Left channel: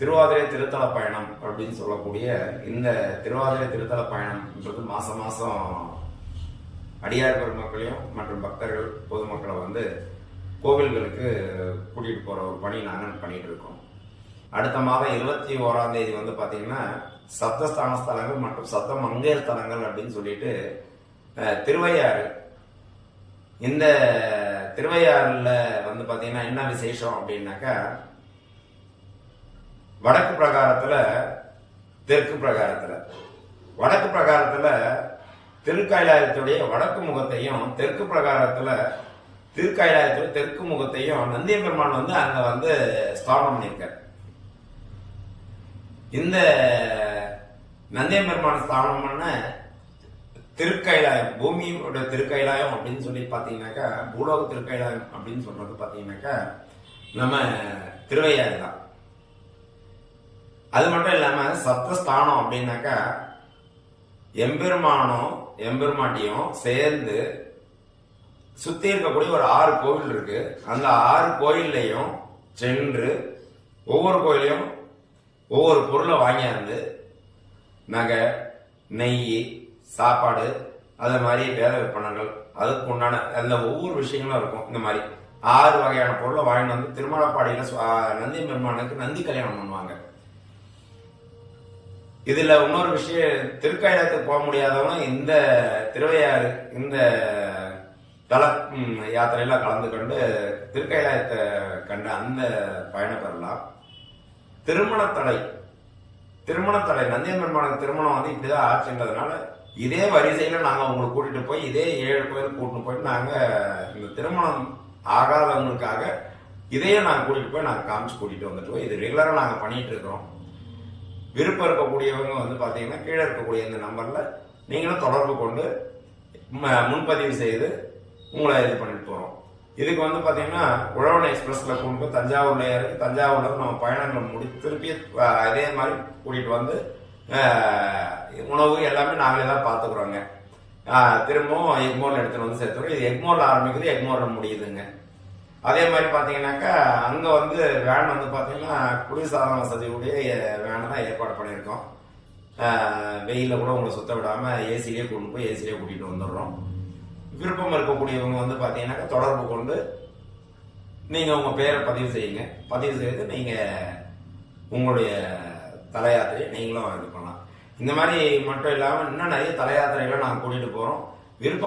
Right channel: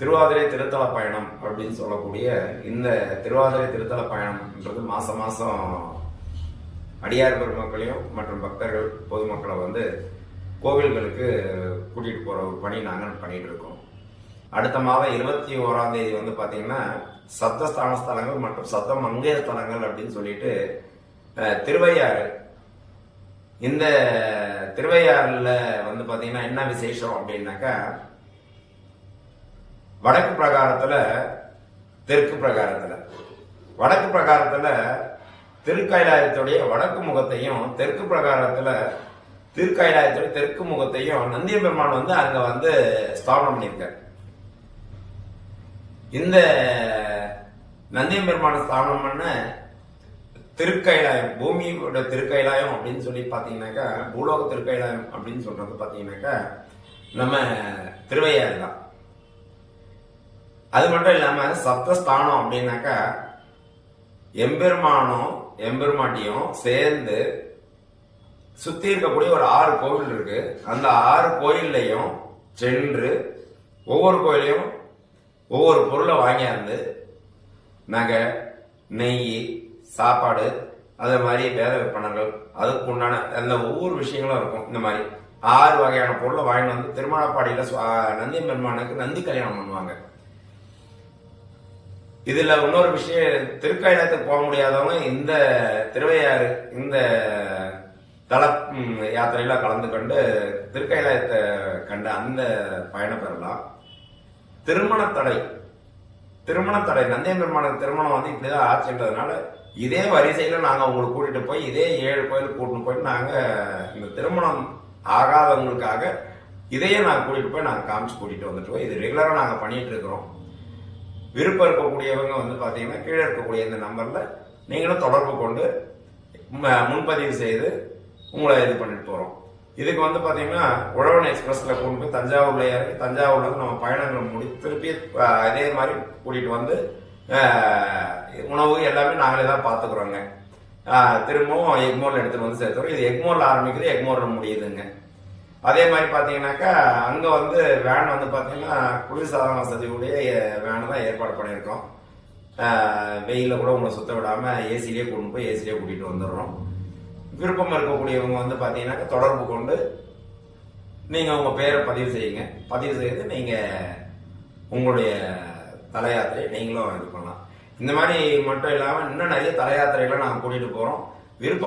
திருவாதிரை திருத்தல பயணம் அப்படின்னு சொல்லக்கூடிய இந்த திருவாதிரை திருத்தல பயணம்ன்றது மாசம் மாசம் அடியார் பெருமக்களையும் மற்றும் பக்தர்கள் பொதுமக்களை வந்து கோவில்களுக்கு கூட்டிட்டு போகிற ஒரு பணி நாங்கள் பண்ணிட்டு இருக்கோம். அடுத்த மாதம் இருபத்தி ஓராம் தேதி வந்து பார்த்தீங்கன்னா சப்தஸ்தான ஸ்தலங்கள் மற்றும் சப்த மங்கைய ஸ்தலங்கள் அப்படின்னு சொல்லிட்டு திருவையாறு. இந்த திருவையாறில் வந்து பார்த்திங்கன்னா என்ன விசேஷம் அப்படின்னாக்கா வடக்கு பிரகாரத்தில் தெற்கு பிரகாரத்தில். வடக்கு பிரகாரத்தில் திருக்கைலாயத்துடைய வடக்கு முகத்தையும் தெற்கு பிரகாரத்தில் திருக்கைலாயத்துடைய தெற்கு முகத்தையும் நந்திய பெருமான் வந்து அங்கே வந்து ஸ்தாபனம் பண்ணியிருக்கார். இந்த நந்திய பெருமான் ஸ்தாபனம் பண்ண திருக்கைலாயம் பூமியோட திருக்கைலாயம் அப்படின்னு சொல்லி பார்த்தீங்கன்னாக்கா பூலோக திருக்கைலாயம் அப்படின்னு சொல்றது பார்த்தீங்கன்னாக்கா நம்ம திருவையாறு தான். அது மட்டும் இல்லாம சப்தஸ்தானம் அப்படின்னாக்கா எம்பெருமானும் எம்பெருமாட்டியும் சேர்ந்து சுத்தி இருக்கக்கூடிய ஒரு ஆறு கோவில் இருக்கு. அந்த ஆறு கோயில்லையும் சென்று ஒவ்வொரு கோயிலையும் ஒவ்வொரு பொருளை வாங்கியாந்து நகை நெய் சாப்பாடு அது மாதிரி வேத விற்பனங்கள் அதுக்கு உண்டான அந்த ஒவ்வொரு விஷயங்களும் இருக்கும். இந்த மாதிரி ஆறு வகையான பொருளை வாங்கிட்டு வந்து திருமணப்பாடியில் நந்தி பெருமானுக்கு நந்தி கல்யாணம் பண்ணுவாங்க. இதுல இன்னொரு விஷயம் திருக்கைலாயத்துக்கு போக முடியாதவங்க இந்த திருவையாறு இந்த தல யாத்திரையில கலந்து கொண்டு திருக்கயிலாயத்தை கண்டு அந்த பயணம் பெறலாம். திருமண தடை. திருமண தடை. நந்தியம் பெருமான திருமணம் வந்து இப்படிதான் ஆச்சுன்றதுனால இதே வரிசையில நாங்க உங்களுக்கு கூட்டிட்டு போய் இதே ஏழு கோயில் கூட்டிட்டு போயிட்டு நாங்க இந்த திருமணம் ஆகாதவங்களுக்காக இதையே நாங்கள் கூட்டிட்டு போய் நாங்கள் காமிச்சு கூட்டிட்டு வந்துட்டோம் இது ரெகுலராக நாங்கள் பண்ணிட்டு இருக்கிறோம். விருப்பம் இருக்கக்கூடியவங்க வந்து பார்த்தீங்கன்னா கீழே இருக்கக்கூடிய இந்த நம்பரில் நீங்களும் தொடர்பு கொண்டு முன்பதிவு செய்து உங்களை இது பண்ணிட்டு போகிறோம் இதுக்கு வந்து பார்த்தீங்கன்னா உழவன் எக்ஸ்பிரஸில் கொண்டு போய் தஞ்சாவூர்ல இறக்கி தஞ்சாவூர்ல இருந்து நம்ம பயணங்கள் முடி திருப்பி அஹ், இதே மாதிரி கூட்டிகிட்டு வந்து உணவு எல்லாமே நாங்களே தான் பார்த்துக்குறோங்க திரும்பவும் எக்மோரில் எடுத்துகிட்டு வந்து சேர்த்துறோம். இது எக்மோரில் ஆரம்பிக்குது எக்மோரில் முடியுதுங்க. அதே மாதிரி பார்த்தீங்கன்னாக்கா அங்கே வந்து வேன் வந்து பார்த்தீங்கன்னா குளிர்சாதன வசதியுடைய வேன் தான் ஏற்பாடு பண்ணியிருக்கோம். வெயிலில் கூட உங்களை சுத்த விடாமல் ஏசிலேயே கொண்டு போய் ஏசிலேயே கூட்டிகிட்டு வந்துடுறோம். விருப்பம் இருக்கக்கூடியவங்க வந்து பார்த்தீங்கன்னாக்கா தொடர்பு கொண்டு நீங்கள் உங்கள் பேரை பதிவு செய்யுங்க. பதிவு செய்து நீங்கள் உங்களுடைய தலையாத்திரையை நீங்களும் இது பண்ணலாம். இந்த மாதிரி மட்டும் இல்லாமல் இன்னும் நிறைய தலையாத்திரைகளை நாங்கள் கூட்டிகிட்டு போகிறோம் விருப்பம்